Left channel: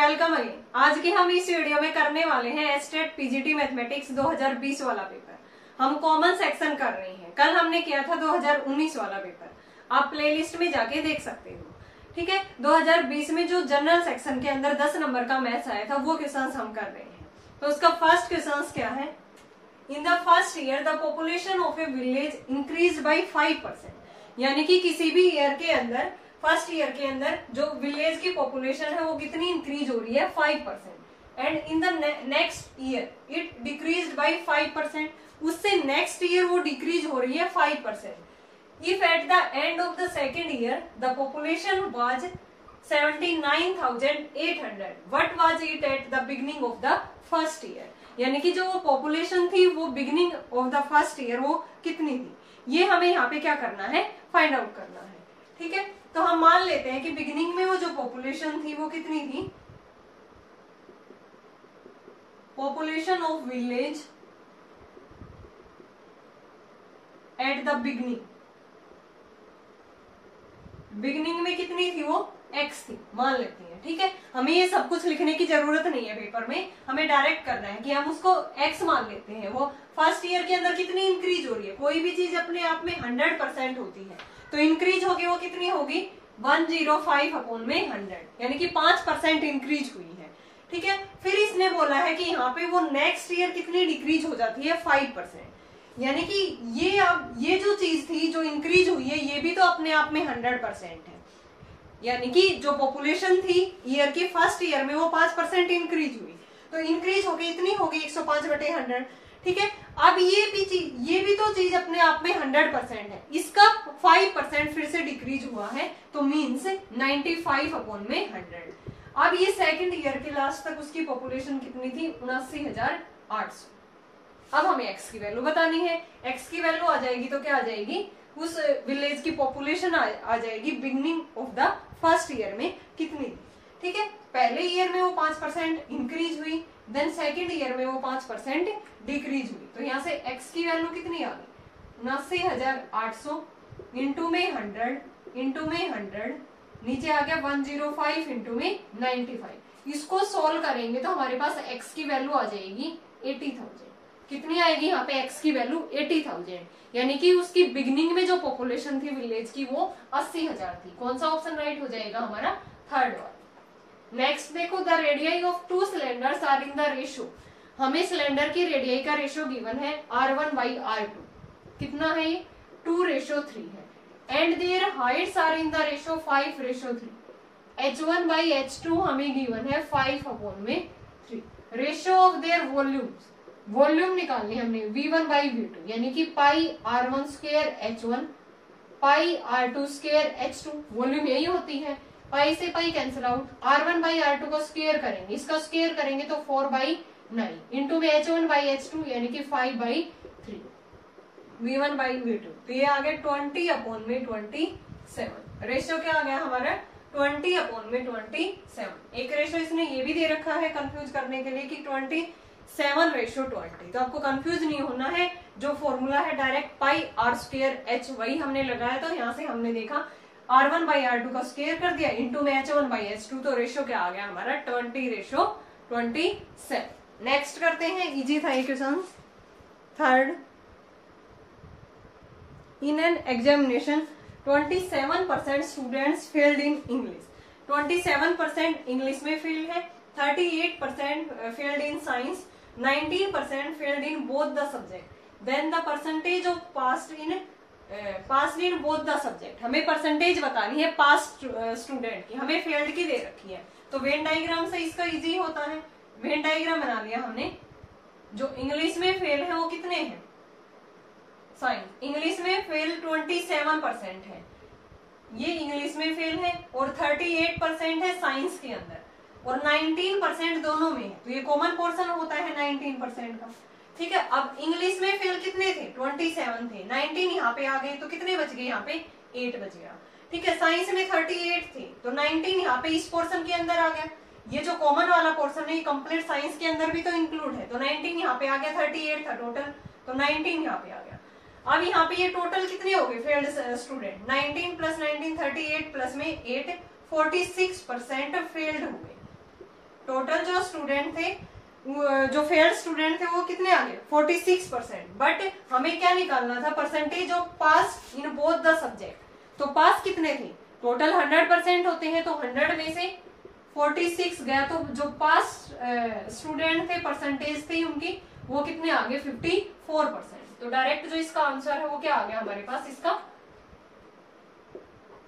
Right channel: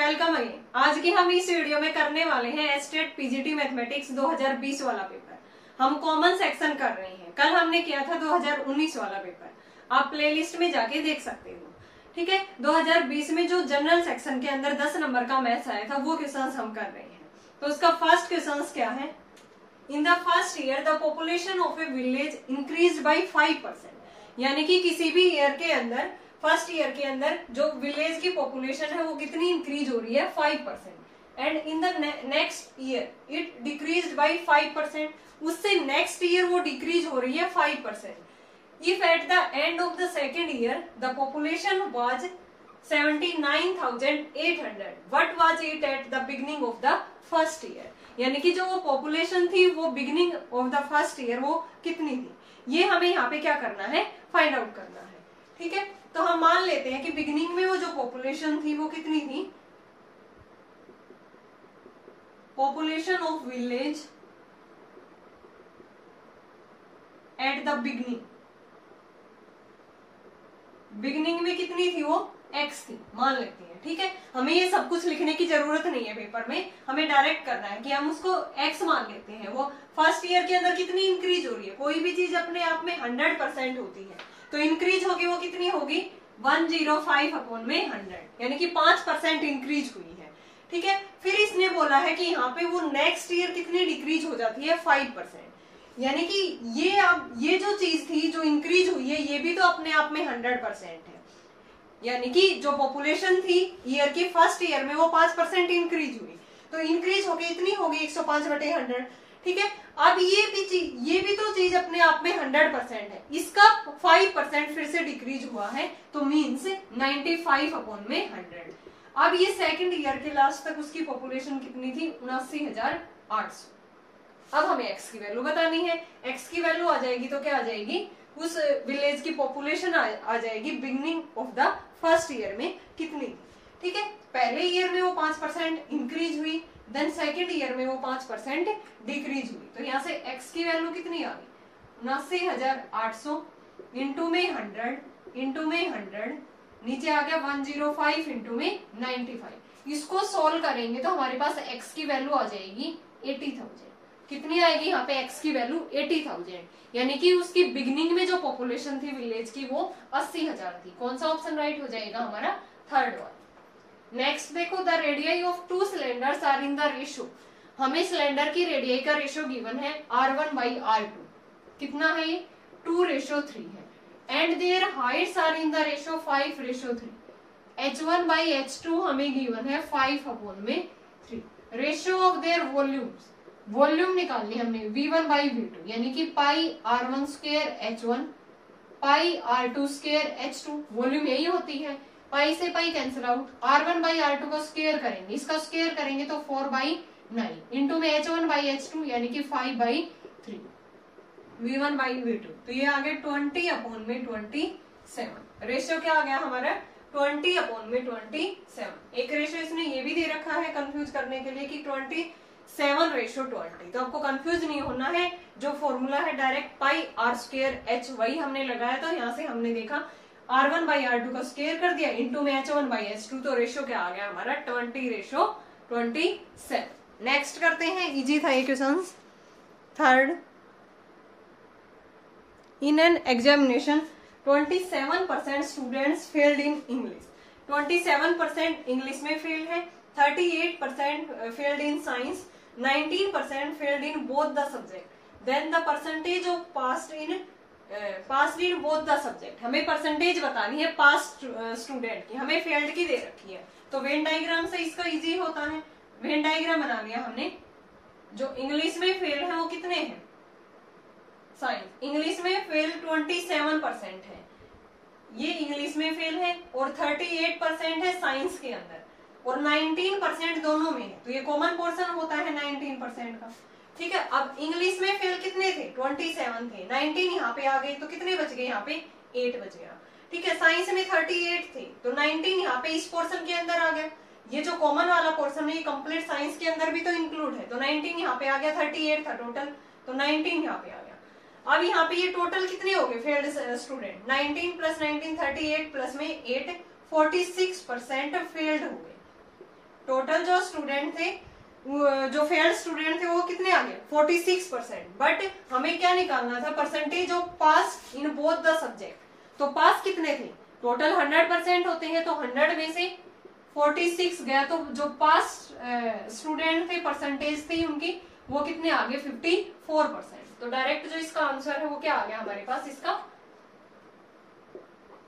Welcome again. आज की हम इस वीडियो में करने वाले हैं एस्टेट पीजीटी मैथमेटिक्स 2020 वाला पेपर। हम कॉमन सेक्शन कर रहे हैं। कल हमने किया था 2019 वाला पेपर, आप प्लेलिस्ट में जाके देख सकते हो। ठीक है, 2020 में जो जनरल सेक्शन के अंदर 10 नंबर का मैथ्स आया था वो क्वेश्चन हम कर रहे हैं। तो उसका फर्स्ट क्वेश्चन क्या है? In the first year the population of A village increase by 5%। यानी कि किसी भी ईयर के अंदर, फर्स्ट ईयर के अंदर जो विलेज की पॉपुलेशन है वो कितनी इंक्रीज हो रही है? 5%। And in the next year it decrease by 5%। उससे नेक्स्ट ईयर वो डिक्रीज हो रही है 5%। If at the end of the second year the population was 79,800, what was it at the beginning of the first year. यानी कि जो वो population थी वो beginning of the first year वो कितनी थी, ये हमें यहाँ पे क्या करना है? फाइंड आउट करना है। ठीक है, तो हम मान लेते हैं कि बिगिनिंग में वो जो पॉपुलेशन थी वो कितनी थी? Population of village at the beginning में कितनी थी? वो x थी, मान लेते हैं। ठीक है, हमें ये सब कुछ लिखने की जरूरत नहीं है पेपर में, हमें डायरेक्ट करना है कि हम उसको x मान लेते हैं। वो फर्स्ट ईयर के अंदर कितनी इंक्रीज हो रही है? कोई भी चीज अपने आप में 100% होती है, तो इंक्रीज होगी वो कितनी होगी? 105/100, यानी कि 5% इंक्रीज हुई है। ठीक है, फिर इसने बोला है कि यहाँ पे वो नेक्स्ट ईयर कितनी डिक्रीज हो जाती है? 5%। यानी कि ये जो चीज थी जो इंक्रीज हुई है ये भी तो अपने आप में 100% है। यानी कि जो पॉपुलेशन थी ईयर की फर्स्ट ईयर में वो 5% इंक्रीज हुई, तो इंक्रीज होगी इतनी होगी 105/100। ठीक है, अब ये भी तो चीज अपने आप में 100% है, इसका 5% फिर से डिक्रीज हुआ है, तो मीन्स 95/100। अब ये सेकंड ईयर के लास्ट तक उसकी पॉपुलेशन कितनी थी? 79,800। अब हमें एक्स की वैल्यू बतानी है। एक्स की वैल्यू आ जाएगी तो क्या आ जाएगी? उस विलेज की पॉपुलेशन आ जाएगी beginning of the first year में कितनी थी। ठीक है, पहले ईयर में वो 5% इंक्रीज हुई, देन सेकेंड ईयर में वो 5% डिक्रीज हुई, तो यहाँ से एक्स की वैल्यू कितनी आ गई? 79,800 इंटू में 100 नीचे आ गया 105 इंटू में 95। इसको सोल्व करेंगे तो हमारे पास एक्स की वैल्यू आ जाएगी 80,000। कितनी आएगी यहाँ पे? एक्स की वैल्यू 80,000। यानी कि उसकी बिगिनिंग में जो पॉपुलेशन थी विलेज की वो 80,000 थी। कौन सा ऑप्शन राइट हो जाएगा हमारा? थर्ड वाला। नेक्स्ट देखो, the radii of two cylinders are in the ratio. हमें सिलेंडर की रेडियाई का रेशियो गिवन है R1/R2। कितना है ये? 2:3 है। And their heights are in the ratio 5:3। H1/H2 हमें गिवन है 5/3। Ratio of their volumes, volume निकालनी हमने V1/V2, यानी कि πr1² πr2² H2। वॉल्यूम यही होती है, पाई से पाई कैंसिल आउट। R1/R2 को स्क्वायर करेंगे, इसका स्क्वायर करेंगे तो 4/9 इंटू में H1/H2 यानी कि 5/3 V1/V2। तो ये आ गया 20/27। रेशियो क्या आ गया हमारा? 20/27। एक रेशियो इसने ये भी दे रखा है कंफ्यूज करने के लिए कि 27:20। तो आपको कंफ्यूज नहीं होना है, जो फॉर्मूला है डायरेक्ट πr2h वही हमने लगाया था। यहाँ से हमने देखा R1/R2 का स्क्वायर कर दिया इंटू में H1/H2, तो रेशियो क्या आ गया हमारा? 20:27। नेक्स्ट करते हैं, इजी था ये question. Third, in an examination 27% students failed in English. 27% English में फेल है, 38% failed in science, 19% failed in both the subject. Then the percentage of passed in both the subject. हमें परसेंटेज बतानी है past student की, हमें failed की दे रखी है, तो वेन डायग्राम से इसका इजी होता है। वेन डायग्राम बना लिया हमने। जो इंग्लिश में फेल है वो कितने हैं? साइंस। इंग्लिश में फेल 27% है, ये इंग्लिश में फेल है, और 38% है साइंस के अंदर, और 19% दोनों में है, तो ये कॉमन पोर्शन होता है 19% का। ठीक है, अब इंग्लिश में फेल कितने थे? 27 थे, 19 यहाँ पे आ गए, तो कितने बच गए? यहाँ पे 8 बच गया। ठीक है, साइंस में 38 थे, तो 19 यहाँ पे इस पोर्शन के अंदर आ गया। ये जो कॉमन वाला पोर्शन है ये कंप्लीट साइंस के अंदर भी तो इंक्लूड है, तो 19 यहाँ पे आ गया। 38 था टोटल, तो 19 यहाँ पे आ गया। अब यहाँ पे ये टोटल कितने हो गए फेल्ड स्टूडेंट? 19 + 19 38 प्लस में 8 46% फेल्ड हो गए। टोटल जो स्टूडेंट थे, जो फेल्ड स्टूडेंट थे वो कितने आ गए 46%। बट हमें क्या निकालना था, percentage of pass in both the subject. तो पास कितने थे, टोटल 100% होते हैं, तो 100 में से 46 गया, तो जो पास स्टूडेंट थे परसेंटेज थी उनकी वो कितने आ गए 54%। तो डायरेक्ट जो इसका आंसर है वो क्या आ गया हमारे पास, इसका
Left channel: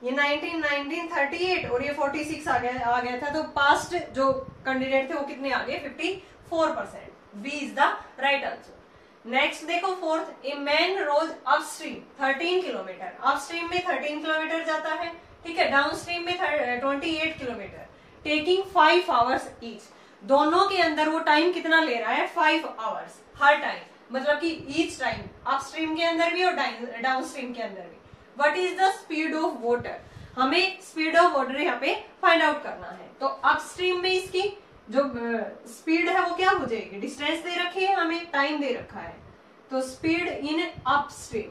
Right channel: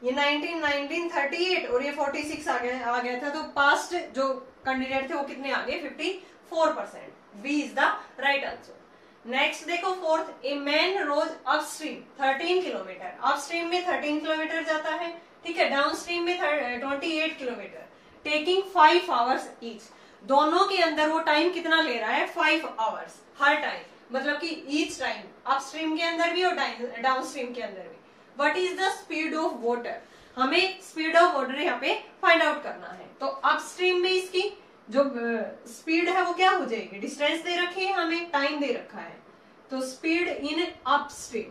ये 1938 और ये 46 आ गया था। तो पास्ट जो कैंडिडेट थे वो कितने आ गए 54%। B is the right answer. Next देखो fourth, a man rows upstream 13 kilometre. Upstream में 13 किलोमीटर जाता है, ठीक है, डाउन स्ट्रीम में 28 किलोमीटर, टेकिंग 5 आवर्स ईच। दोनों के अंदर वो टाइम कितना ले रहा है 5 आवर्स हर टाइम, मतलब कि ईच टाइम, अपस्ट्रीम के अंदर भी और डाउन स्ट्रीम के अंदर भी। What is the speed of water, हमें स्पीड ऑफ वाटर यहाँ पे फाइंड आउट करना है। तो अपस्ट्रीम में इसकी जो स्पीड है वो क्या हो जाएगी, डिस्टेंस दे रखी है हमें, टाइम दे रखा है, तो स्पीड इन अपस्ट्रीम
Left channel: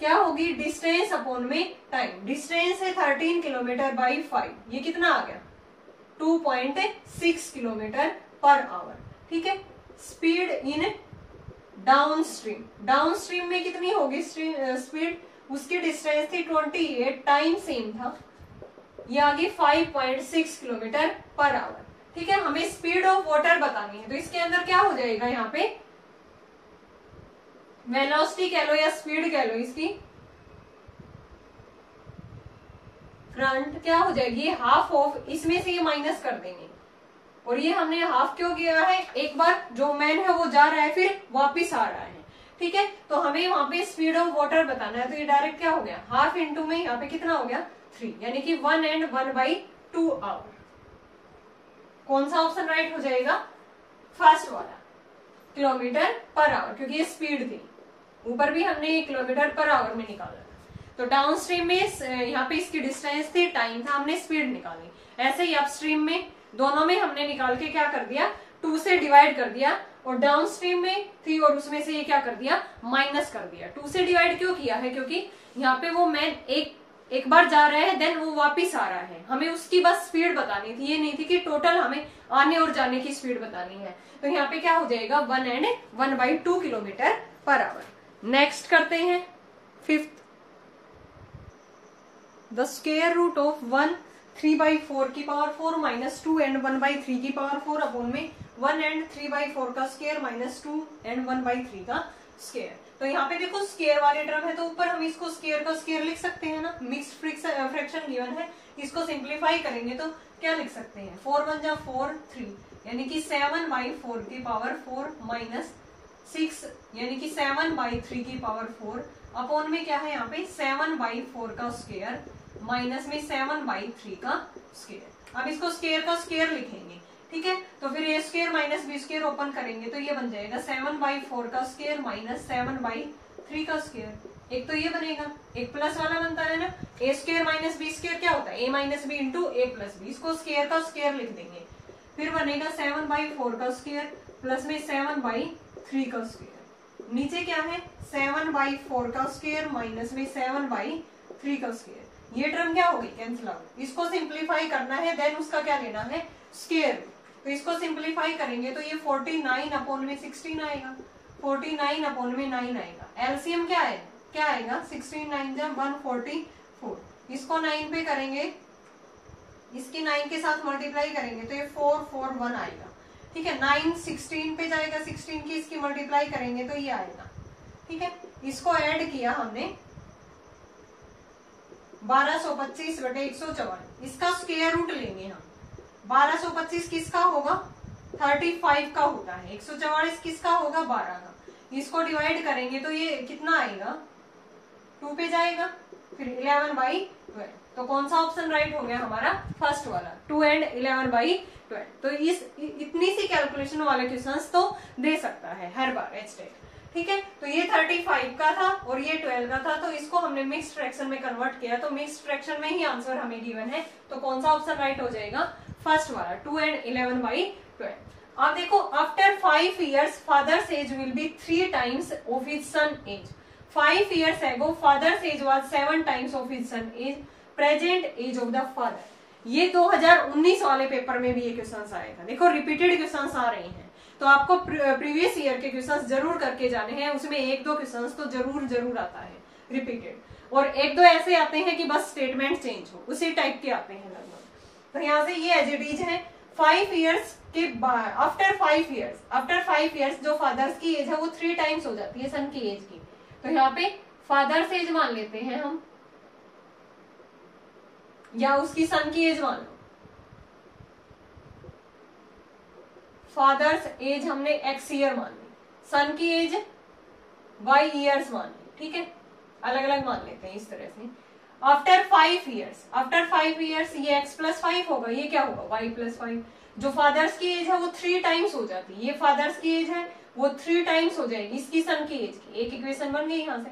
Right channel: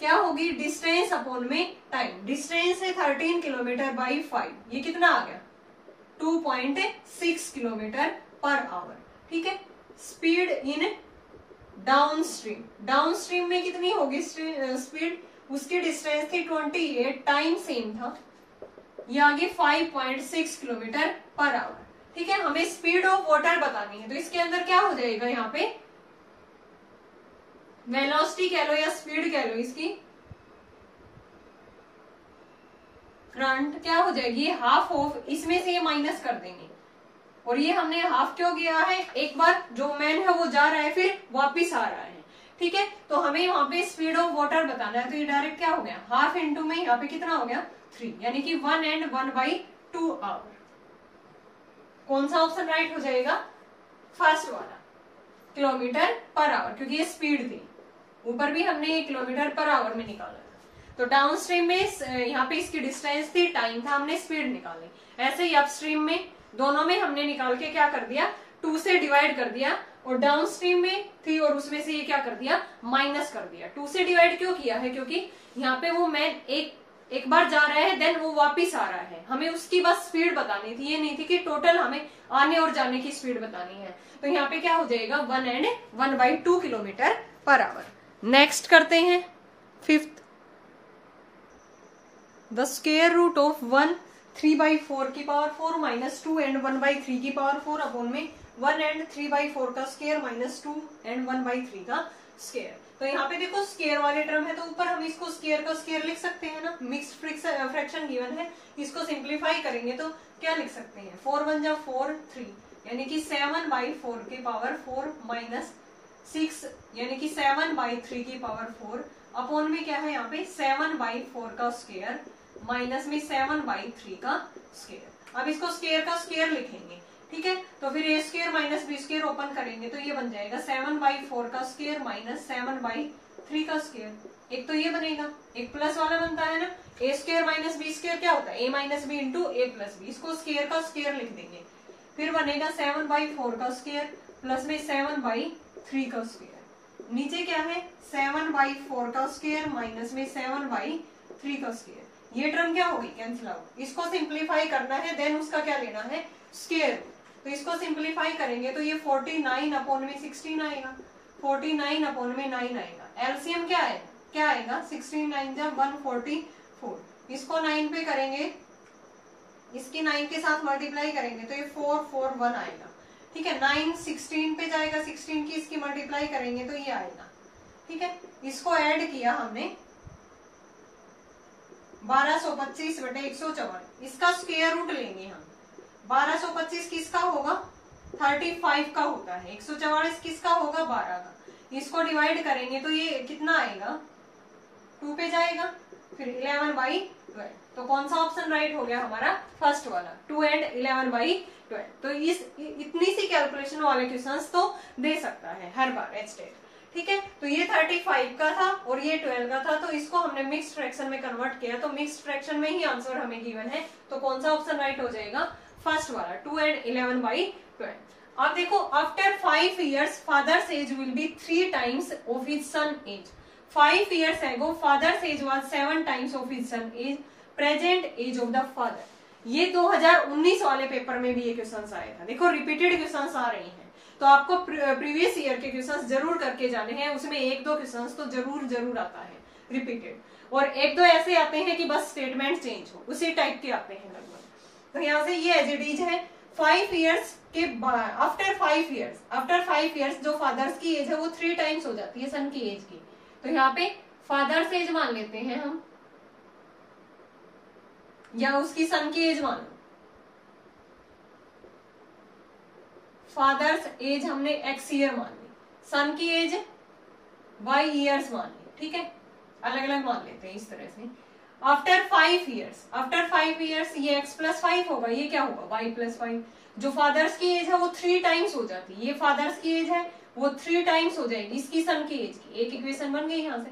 क्या होगी, डिस्टेंस अपॉन में टाइम। डिस्टेंस है 13 किलोमीटर बाई 5, ये कितना आ गया 2.6 किलोमीटर पर आवर, ठीक है। Speed in down stream, down stream में कितनी होगी स्पीड, उसकी डिस्टेंस थी 28, टाइम सेम था, ये आगे 5.6 किलोमीटर पर आवर, ठीक है। हमें स्पीड ऑफ वाटर बतानी है, तो इसके अंदर क्या हो जाएगा, यहाँ पे वेलोसिटी कह लो या स्पीड कह लो, इसकी करंट क्या हो जाएगी, हाफ ऑफ, इसमें से ये माइनस कर देंगे, और ये हमने हाफ क्यों किया है, एक बार जो मैन है वो जा रहा है फिर वापिस आ रहा है, ठीक है। तो हमें वहां पे स्पीड ऑफ वाटर बताना है, तो ये डायरेक्ट क्या हो गया, हाफ इंटू में यहाँ पे कितना हो गया 3, यानी कि 1 and 1/2 आवर। कौन सा ऑप्शन राइट हो जाएगा, फर्स्ट वाला, किलोमीटर पर आवर, क्योंकि ये स्पीड थी, ऊपर भी हमने ये किलोमीटर पर आवर में निकाला था। तो डाउन स्ट्रीम में यहाँ पे इसकी डिस्टेंस थी, टाइम था, हमने स्पीड निकाली। ऐसे ही अपस्ट्रीम में दोनों में हमने निकाल के क्या कर दिया, 2 से डिवाइड कर दिया, और डाउन स्ट्रीम में थी और उसमें से ये क्या कर दिया, माइनस कर दिया। 2 से डिवाइड क्यों किया है, क्योंकि यहाँ पे वो मैन एक बार जा रहा है, देन वो वापिस आ रहा है, हमें उसकी बस स्पीड बतानी थी, ये नहीं थी कि टोटल हमें आने और जाने की स्पीड बतानी है। तो यहाँ पे क्या हो जाएगा 1 and 1/2 kilometre per hour. Next करते हैं fifth, the square root of 1 3/4 की पावर 4 माइनस 2 and 1/3 की पावर 4 अपॉन में 1 and 3/4 का स्क्वायर माइनस 2 and 1/3 का स्क्वायर। तो यहाँ पे देखो स्क्वायर वाले टर्म है, तो ऊपर हम इसको स्क्वायर का स्क्वायर लिख सकते हैं ना, मिक्स्ड फ्रैक्शन गिवन है, इसको सिंप्लीफाई करेंगे तो क्या लिख सकते हैं, 4 1 जा 4 3, यानी कि 7/4 की पावर 4 माइनस 6, यानी कि 7/3 की पावर 4 अपॉन में क्या है यहाँ पे 7/4 का स्क्वायर माइनस में 7/3 का स्क्वायर। अब इसको स्क्वायर का स्क्वायर लिखेंगे, ठीक है। तो फिर A square minus B square open करेंगे तो ये बन जाएगा 7/4 का स्क्वायर माइनस 7/3 का स्क्वायर। एक तो ये बनेगा, एक प्लस वाला बनता है ना, ए स्क्वायर माइनस बी स्क्वायर क्या होता है, ए माइनस बी इंटू ए प्लस बी, इसको स्क्वायर का स्क्वायर लिख देंगे। फिर बनेगा 7/4 का स्क्वायर प्लस में 7/3 का स्क्वायर, नीचे क्या है 7/4 का स्क्वायर माइनस में 7/3 का स्क्वायर। ये टर्म क्या होगी, कैंसिल आउट। इसको सिंप्लीफाई करना है, देन उसका क्या लेना है, स्क्वायर। तो इसको सिंप्लीफाई करेंगे तो ये 49 अपॉन में 16 आएगा, 49 अपॉन में 9 आएगा। एलसीएम क्या है, क्या आएगा 16 9 जा 144। इसको 9 पे करेंगे, इसकी 9 के साथ मल्टीप्लाई करेंगे तो ये 441 आएगा, ठीक है। 9 16 पे जाएगा, 16 की इसकी मल्टीप्लाई करेंगे तो ये आएगा, ठीक है। इसको ऐड किया हमने 1225 बटे 154, इसका स्क्वायर रूट लेंगे हम। 1225 किसका होगा, 35 का होता है, 144 किसका होगा 12 का। इसको डिवाइड करेंगे तो ये कितना आएगा 2 पे जाएगा, फिर 11/12। तो कौन सा ऑप्शन राइट हो गया हमारा, फर्स्ट वाला, 2 and 11/12। तो इस इतनी सी कैलकुलेशन वाले क्वेश्चंस तो दे सकता है हर बार एचटेट, ठीक है। तो ये 35 का था और ये 12 का था, तो इसको हमने मिक्स्ड फ्रैक्शन में कन्वर्ट किया, तो मिक्स्ड फ्रैक्शन में ही आंसर हमें गिवन है। तो कौन सा ऑप्शन राइट हो जाएगा, फर्स्ट वाला, 2 and 11/12। अब देखो, after 5 years father's age will be 3 times of his son age. 5 years ago father's age was 7 times of his son age, present age of the father. ये 2019 वाले पेपर में भी ये क्वेश्चन आया था। देखो रिपीटेड क्वेश्चन आ रहे हैं, तो आपको प्रीवियस ईयर के क्वेश्चंस जरूर करके जाने हैं, उसमें एक दो क्वेश्चंस तो जरूर आता है रिपीटेड, और एक दो ऐसे आते हैं कि बस स्टेटमेंट चेंज हो, उसी टाइप के आते हैं लगभग। तो यहाँ से ये एज इट इज है 5 इयर्स के बाद, आफ्टर 5 इयर्स जो फादर्स की एज है वो 3 टाइम्स हो जाती है सन की एज की। तो यहाँ पे फादर्स एज मान लेते हैं हम, या उसकी सन की एज मान लो। फादर्स एज हमने x ईयर मान ली, सन की एज y ईयर्स मान ली, ठीक है, अलग अलग मान लेते हैं इस तरह से। आफ्टर 5 इयर्स ये x+5 होगा, ये क्या होगा y+5। जो फादर्स की एज है वो 3 टाइम्स हो जाती है, ये फादर्स की एज है वो 3 टाइम्स हो जाएगी इसकी सन की एज की, एक इक्वेशन बन गई यहाँ से।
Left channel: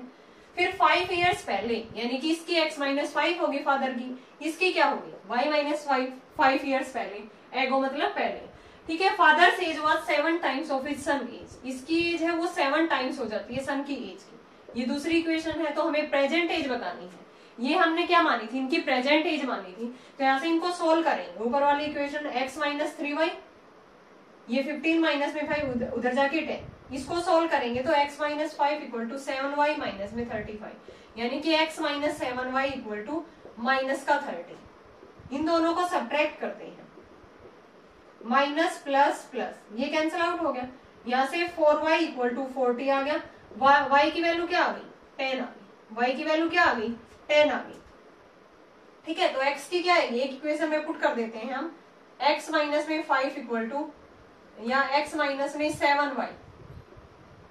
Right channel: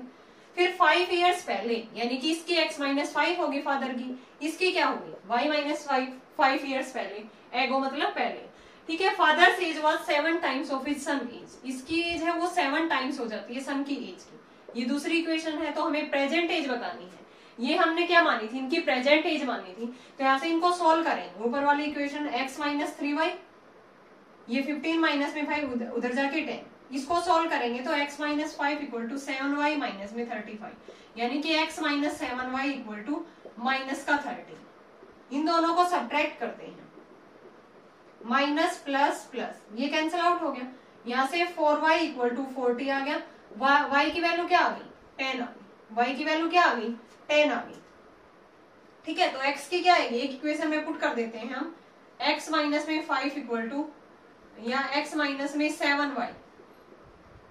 फिर 5 इयर्स पहले, यानी कि इसकी x-5 होगी फादर की, इसकी क्या होगी y-5 इयर्स पहले, एगो मतलब पहले, ठीक है। Father's age was 7 times of his son age, इसकी एज है वो 7 टाइम्स हो जाती है सन की एज की। ये दूसरी इक्वेशन है, तो हमें प्रेजेंट एज बतानी है। ये हमने क्या मानी थी, इनकी प्रेजेंट एज मानी थी, तो यहाँ से इनको सोल्व करेंगे। ऊपर वाली इक्वेशन x-3y, ये 15 माइनस में 5 उधर जाके 10, इसको सोल्व करेंगे तो x-5 equal to 7y minus में 35, यानी कि x-7y इक्वल टू माइनस का 30। इन दोनों को सब्ट्रैक्ट करते हैं, माइनस प्लस प्लस, ये कैंसिल आउट हो गया। यहाँ से 4y इक्वल टू 40 आ गया, y की वैल्यू क्या आ गई 10 आ गई, y की वैल्यू क्या आ गई 10 आ गई, ठीक है। तो x की क्या है, एक इक्वेशन में पुट कर देते हैं हम, x माइनस में 5 इक्वल टू, या x माइनस में 7y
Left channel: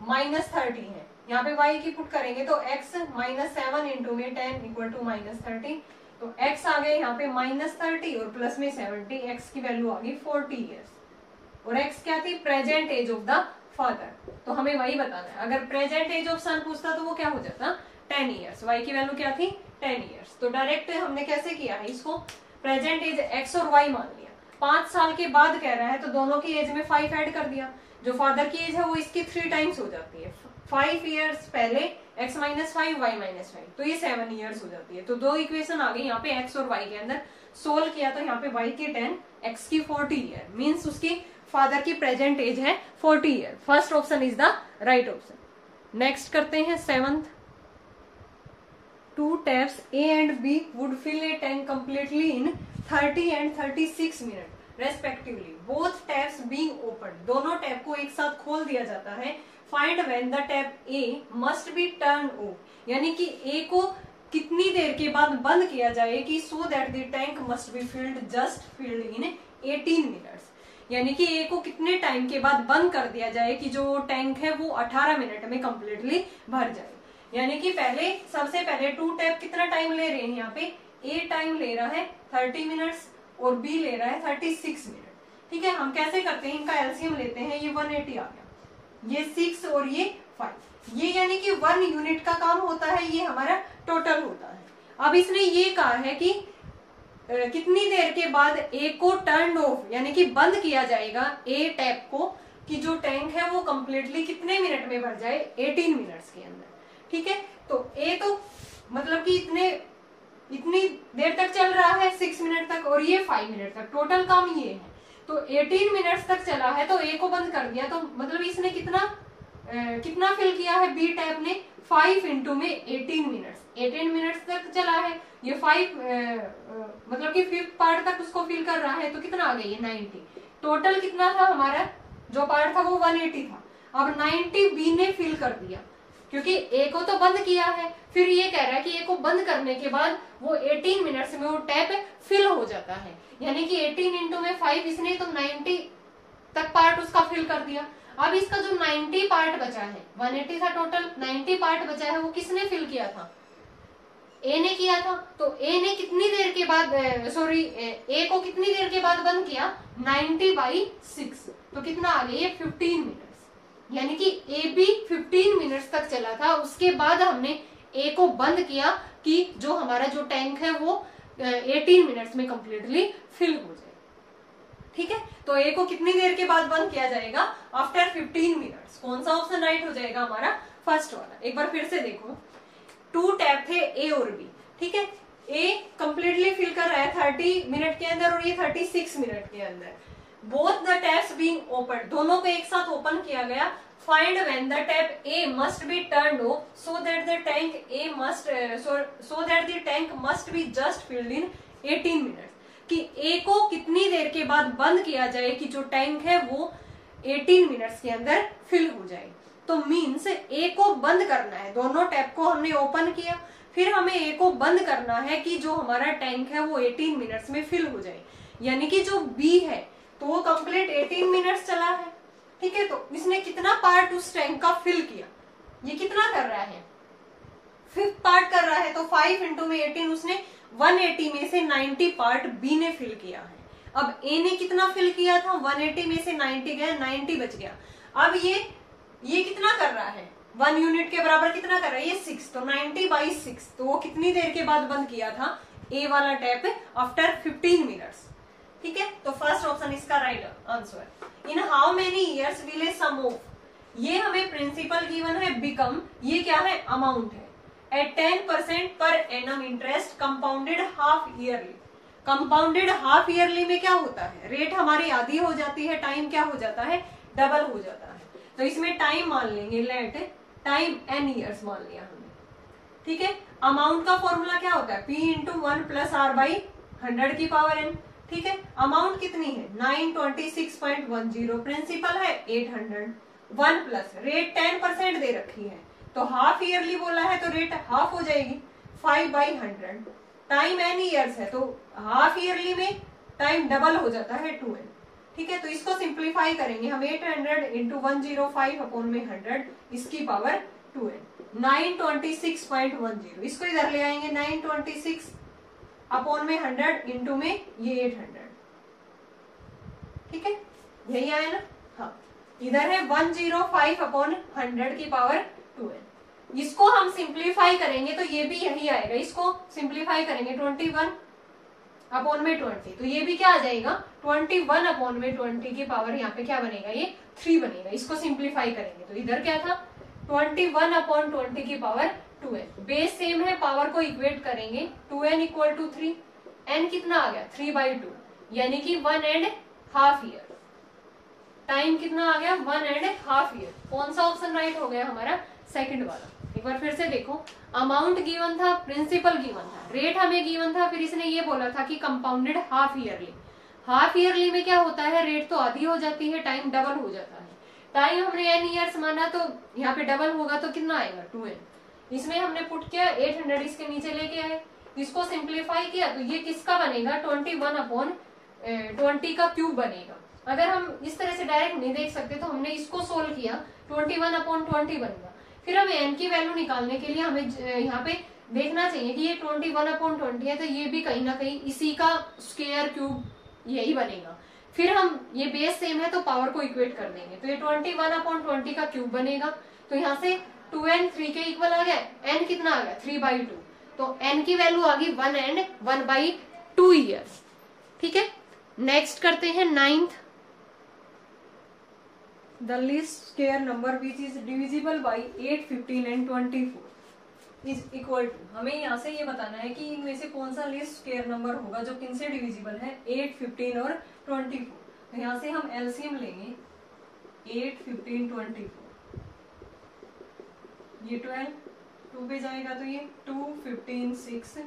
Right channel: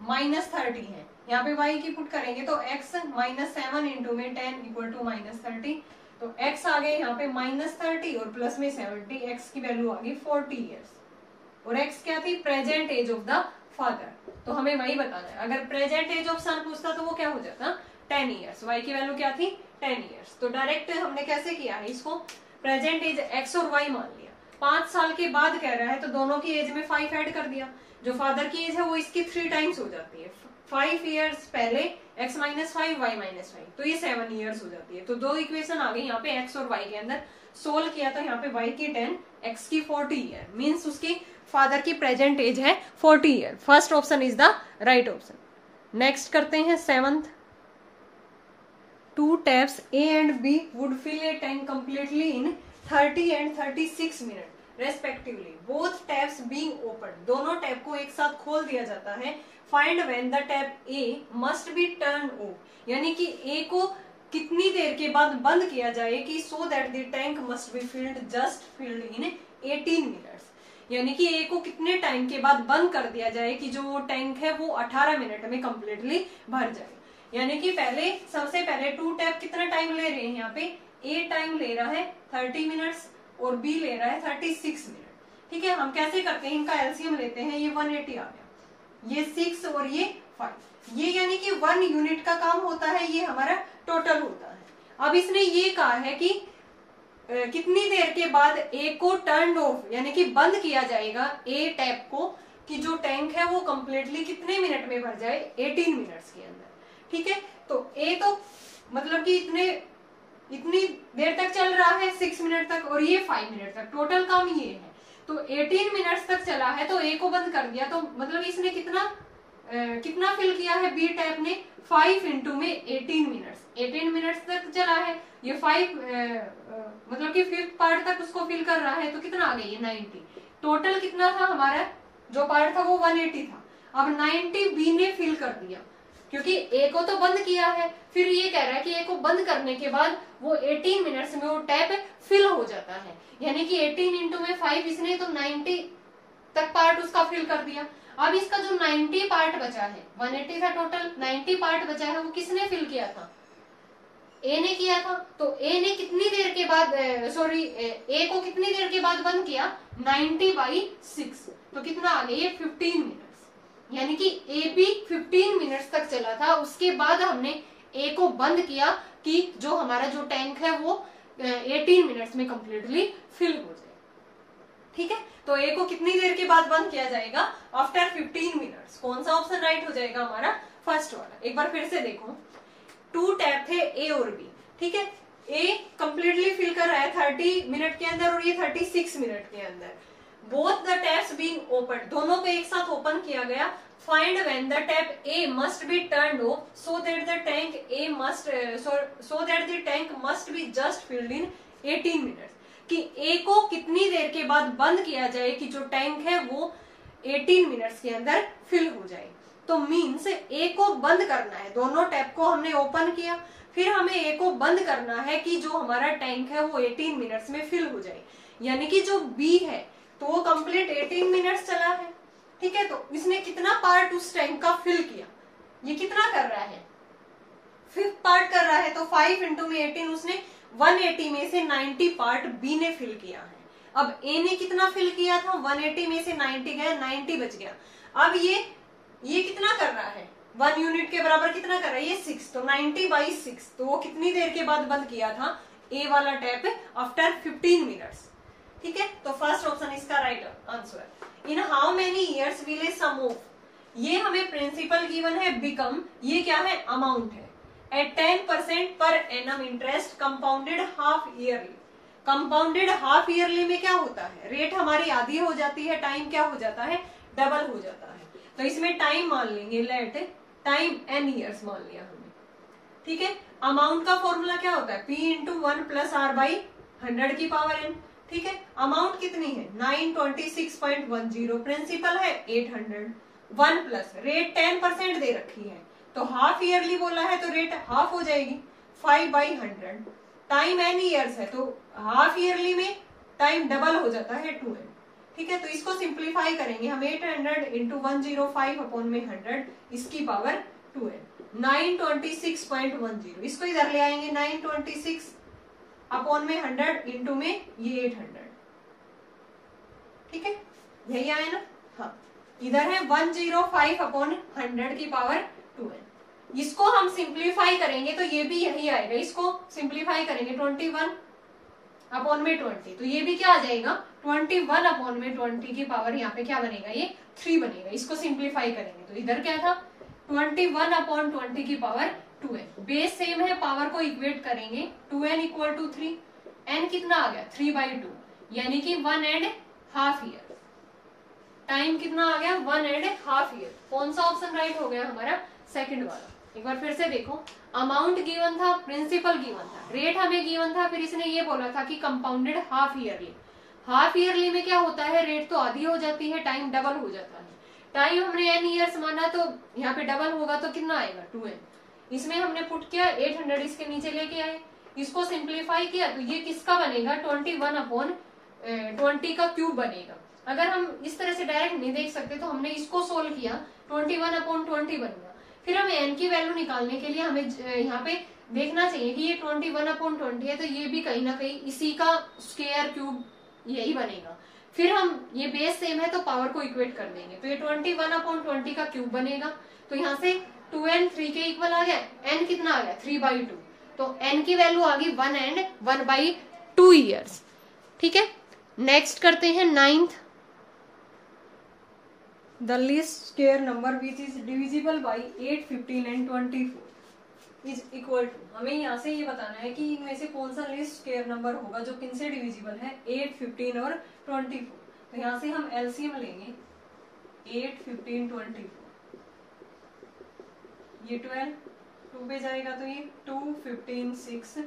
माइनस 30 है, यहाँ पे y की पुट करेंगे तो x माइनस 7 इंटू में 10 इक्वल टू माइनस 30, तो x आ गए यहाँ पे माइनस 30 और प्लस में 70, x की वैल्यू आ गई 40 इयर्स, और x क्या थी, present age of the father. तो हमें वही बताना है, अगर प्रेजेंट एज ऑफ सन पूछता तो वो क्या हो जाता 10 इयर्स, y की वैल्यू क्या थी 10 इयर्स। तो डायरेक्ट हमने कैसे किया है इसको, प्रेजेंट एज x और y मान लिया, 5 साल के बाद कह रहा है तो दोनों की एज में 5 ऐड कर दिया, जो फादर की एज है वो इसकी 3 टाइम्स हो जाती है, 5 इयर्स पहले x-5 y-5, तो ये 7 इयर्स हो जाती है। तो दो इक्वेशन आ गई यहाँ पे x और y के अंदर, सोल्व किया तो यहाँ पे y की 10, x की 40 ईयर, मीन्स उसकी फादर की प्रेजेंट एज है 40 year. First option is the right option. Next करते हैं 7th। 2 taps A and B would fill a tank completely in 30 and 36 minutes respectively. Both taps being opened. दोनों tap को एक साथ खोल दिया जाता है। Find when the tap A must be turned off. यानी कि A को कितनी देर के बाद बंद किया जाए कि so that the tank must be filled in 18 minutes. यानी कि A को कितने टाइम के बाद बंद कर दिया जाए कि जो टैंक है वो 18 मिनट में कंप्लीटली भर जाए। यानी कि पहले सबसे पहले 2 टैप कितना टाइम ले रहे हैं, यहाँ पे A टाइम ले रहा है 30 मिनट्स और B ले रहा है 36 मिनट। ठीक है, हम कैसे करते हैं, इनका एलसीएम लेते हैं, ये 180 आ गया, ये 6 और ये 5, ये यानी कि 1 यूनिट का काम होता है, ये हमारा टोटल होता है। अब इसने ये कहा है कि कितनी देर के बाद A को टर्न ऑफ यानी कि बंद किया जाएगा A टैप को, कि जो टैंक है वो कंप्लीटली कितने मिनट में भर जाए, 18 मिनट्स के अंदर। ठीक है, तो A तो मतलब कि इतनी देर तक चल रहा है 6 मिनट तक, और ये 5 मिनट तक, टोटल काम ये है। तो 18 मिनट्स तक चला है तो A को बंद कर दिया, तो मतलब इसने कितना फिल किया है B टैप ने, 5 इंटू में 18 मिनट्स तक चला है, ये 5 मतलब कि 5th पार्ट तक उसको फिल कर रहा है, तो कितना आ गई, 90। टोटल कितना था हमारा, जो पार्ट था वो 180 था, अब 90 B ने फिल कर दिया, क्योंकि A को तो बंद किया है। फिर ये कह रहा है कि A को बंद करने के बाद वो 18 मिनट्स में वो टैप फिल हो जाता है, यानी कि 18 इंटू में 5 इसने तो 90 तक पार्ट उसका फिल कर दिया। अब इसका जो 90 पार्ट बचा है, 180 था टोटल, 90 पार्ट बचा है, वो किसने फिल किया था, A ने किया था। तो A ने कितनी देर के बाद A को कितनी देर के बाद बंद किया, 90/6, तो कितना आ गया, ये 15 मिनट्स, यानी कि A भी 15 मिनट्स तक चला था, उसके बाद हमने A को बंद किया कि जो हमारा जो टैंक है वो 18 मिनट्स में कंप्लीटली फिल हो जाए। ठीक है, तो A को कितनी देर के बाद बंद किया जाएगा, आफ्टर 15 मिनट्स। कौन सा ऑप्शन राइट हो जाएगा हमारा, फर्स्ट वाला। एक बार फिर से देखो, 2 टैप थे A और B, ठीक है, ए कंप्लीटली फिल कर रहा है 30 मिनट के अंदर और ये 36 मिनट के अंदर। Both the taps being open, दोनों को एक साथ ओपन किया गया। Find when the tap A must be turned of so that the tank A must so that the tank must be just filled in 18 minutes, कि ए को कितनी देर के बाद बंद किया जाए कि जो टैंक है वो 18 मिनट्स के अंदर फिल हो जाए। तो मीन्स ए को बंद करना है, दोनों टैप को हमने ओपन किया, फिर हमें ए को बंद करना है कि जो हमारा टैंक है वो 18 मिनट्स में फिल हो जाए। यानी कि जो बी है तो वो कंप्लीट 18 मिनट्स चला है, ठीक है। तो इसने कितना पार्ट उस टैंक का फिल किया, ये कितना कर रहा है, 5th पार्ट कर रहा है। तो 5 इंटू में 18, उसने 180 में से 90 पार्ट बी ने फिल किया है। अब ए ने कितना फिल किया था, 180 में से 90 गए, 90 बच गया। अब ये कितना कर रहा है, 1 यूनिट के बराबर कितना कर रहा है, ये 6, तो 90/6। तो वो कितनी देर के बाद बंद किया था ए वाला टैप, आफ्टर 15 मिनट्स, ठीक है। तो फर्स्ट ऑप्शन इसका right answer. In how many years will a sum of, ये हमें प्रिंसिपल गिवन है, बिकम ये क्या है, अमाउंट है, at 10% per annum interest compounded half yearly. Compounded half yearly में क्या होता है, रेट हमारी आधी हो जाती है, टाइम क्या हो जाता है, डबल हो जाता है। तो इसमें टाइम मान लेंगे, लेट टाइम n ईयर्स मान लिया हमने, ठीक है। अमाउंट का फॉर्मूला क्या होता है, p into 1 plus r by 100 की पावर n, ठीक है। अमाउंट कितनी है, 926.10, प्रिंसिपल है 800, 1 प्लस रेट 10% दे रखी है, तो हाफ ईयरली बोला है तो रेट हाफ हो जाएगी, 5/100। टाइम n ईयर्स है तो हाफ ईयरली में टाइम डबल हो जाता है 2n, ठीक है। तो इसको सिंप्लीफाई करेंगे हम, 800 इंटू 105 अपॉन में 100, इसकी पावर 2n, 926.10। इसको इधर ले आएंगे, 926 अपॉन में 100 इंटू में ये 800, ठीक है, यही आया ना। हाँ, इधर है 105 अपॉन 100 की पावर 2n। इसको हम सिंप्लीफाई करेंगे तो ये भी यही आएगा, इसको सिंप्लीफाई करेंगे 21 अपॉन में 20, तो ये भी क्या आ जाएगा, 21 अपॉन में 20 की पावर यहाँ पे क्या बनेगा, ये 3 बनेगा। इसको सिंप्लीफाई करेंगे तो इधर क्या था, 21 अपॉन 20 की पावर 2n। बेस सेम है, पावर को इक्वेट करेंगे, 2n इक्वल टू 3, n कितना आ गया, 3/2, यानी कि 1.5 ईयर। टाइम कितना आ गया, 1.5 ईयर। कौन सा ऑप्शन राइट हो गया हमारा, सेकंड वाला। एक बार फिर से देखो, अमाउंट गिवन था, प्रिंसिपल गिवन था, रेट हमें गिवन था, फिर इसने ये बोला था कि compounded half yearly. Half yearly में क्या होता है, रेट तो आधी हो जाती है, टाइम डबल हो जाता है। टाइम हमने n ईयर्स माना तो यहाँ पे डबल होगा तो कितना आएगा, 2n। इसमें हमने पुट किया 800, इसके नीचे लेके आए, इसको सिंप्लीफाई किया तो ये किसका बनेगा, 21 अपॉन 20 का क्यूब बनेगा। अगर हम इस तरह से डायरेक्ट नहीं देख सकते तो हमने इसको सोल्व किया, 21 अपॉन 20 बनेगा। फिर हमें n की वैल्यू निकालने के लिए हमें यहाँ पे देखना चाहिए कि ये 21 अपॉन 20 है, तो ये भी कहीं ना कहीं इसी का स्क्वायर क्यूब यही बनेगा। फिर हम ये बेस सेम है तो पावर को इक्वेट कर देंगे, तो ये 21 अपॉन 20 का क्यूब बनेगा। तो यहाँ से 2n 3 के इक्वल आ गया, n कितना आ गया, 3/2, तो n की वैल्यू आ गई 1 and 1/2 ईयर्स, ठीक है। नेक्स्ट करते हैं 9th, the least square number which is divisible by 8, 15 and 24 is equal to. हमें यहाँ से ये बताना है कि इनमें से कौन सा लीस्ट स्क्वायर नंबर होगा जो किन से डिविजिबल है, 8, 15 और 24। तो यहाँ से हम एलसीएम लेंगे, 8, 15, 24, ये 12, 2 पे जाएगा तो ये 2, 15, 6,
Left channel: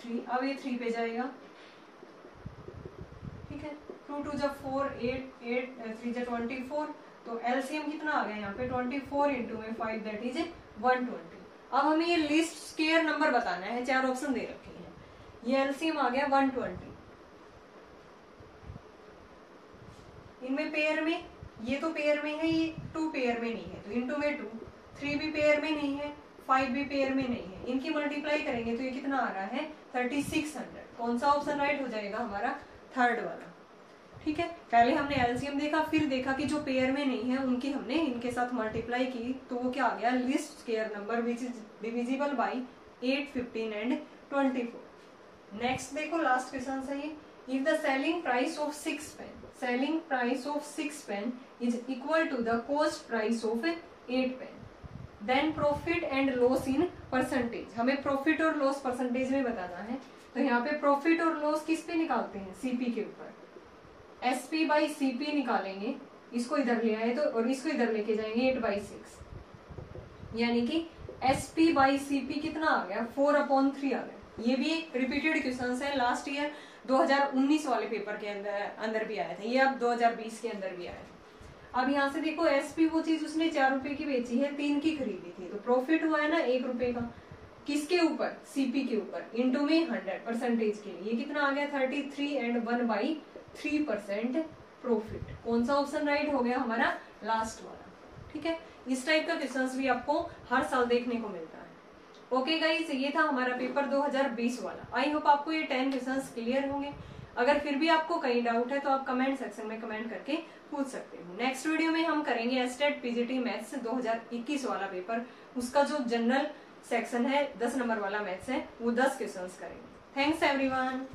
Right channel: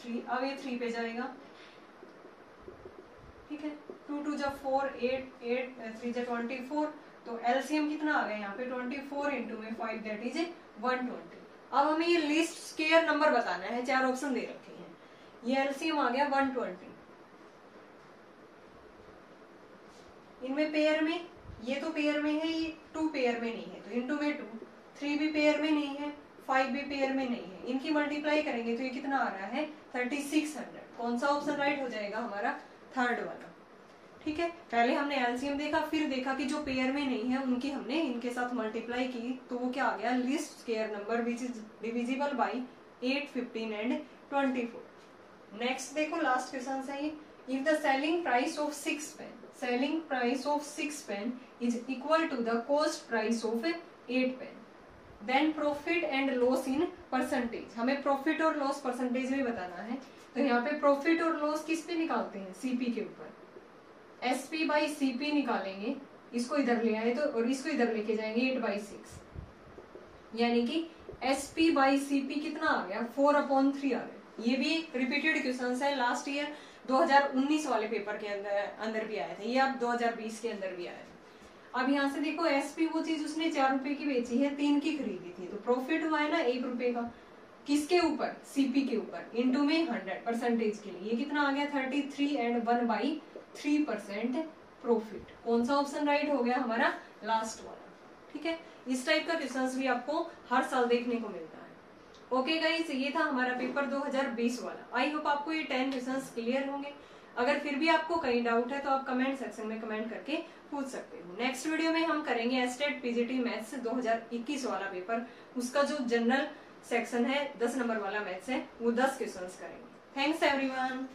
3, अब ये 3 पे जाएगा, ठीक है। 2 2 जब 4, 8, 8, 3 जब 24, तो एलसीएम कितना आ गया यहाँ पे, 24 इंटू में 5, दैट इज 120। अब हमें ये लीस्ट स्क्वायर नंबर बताना है, 4 ऑप्शन दे रखे हैं, ये एलसीएम आ गया 120। इनमें पेयर में, ये तो पेयर में है, ये 2 पेयर में नहीं है तो इंटू में 2, 3 भी पेयर में नहीं है, 5 भी पेयर में नहीं है, इनकी मल्टीप्लाई करेंगे तो ये कितना आ रहा है, 3600। कौन सा ऑप्शन राइट हो जाएगा हमारा, थर्ड वाला, ठीक है। पहले हमने एलसीएम देखा, फिर देखा कि जो पेयर में नहीं है उनकी हमने इनके साथ मल्टीप्लाई की, तो वो क्या आ गया, least square number which is divisible by 8, 15 and 24। Next देखो, लास्ट क्वेश्चन है ये, if the selling price of 6 pen, selling price of 6 pen is equal to the cost price of 8 pen. Then profit and loss in percentage, हमें profit और loss percentage में बताना है। तो यहाँ पे प्रॉफिट और लॉस किस पे निकालते हैं, सीपी के ऊपर, एसपी बाई सीपी निकालेंगे, इसको इधर ले आए तो और इसको इधर लेके जाएंगे 8/6, यानी कि एसपी बाई सीपी कितना आ गया 4/3 आ गया। ये भी एक रिपीटेड क्वेश्चन है, लास्ट ईयर 2019 वाले पेपर के अंदर भी आया था, ये अब 2020 के अंदर भी आया था। अब यहाँ से देखो एसपी वो चीज उसने 4 रुपए की बेची है, 3 की खरीदी थी, तो प्रॉफिट हुआ है ना 1 रुपए का, किसके ऊपर, सीपी के ऊपर, इंटू में 100 परसेंटेज के लिए, ये कितना आ गया 33 एंड 1/3% प्रॉफिट। कौन सा ऑप्शन राइट हो गया हमारा, लास्ट वाला। ठीक है, इस टाइप का क्वेश्चंस भी आपको हर साल देखने को मिलता है। ओके गाइस, ये था हमारा पेपर 2020 वाला। आई होप आपको ये 10 क्वेश्चंस क्लियर होंगे। अगर फिर भी आपको कहीं डाउट है तो आप कमेंट सेक्शन में कमेंट करके पूछ सकते हो। नेक्स्ट वीडियो में हम करेंगे एस्टेट पीजीटी मैथ्स 2021 वाला पेपर, उसका जो जनरल सेक्शन है 10 नंबर वाला मैथ्स है, वो 10 क्वेश्चंस करेंगे। Thanks everyone.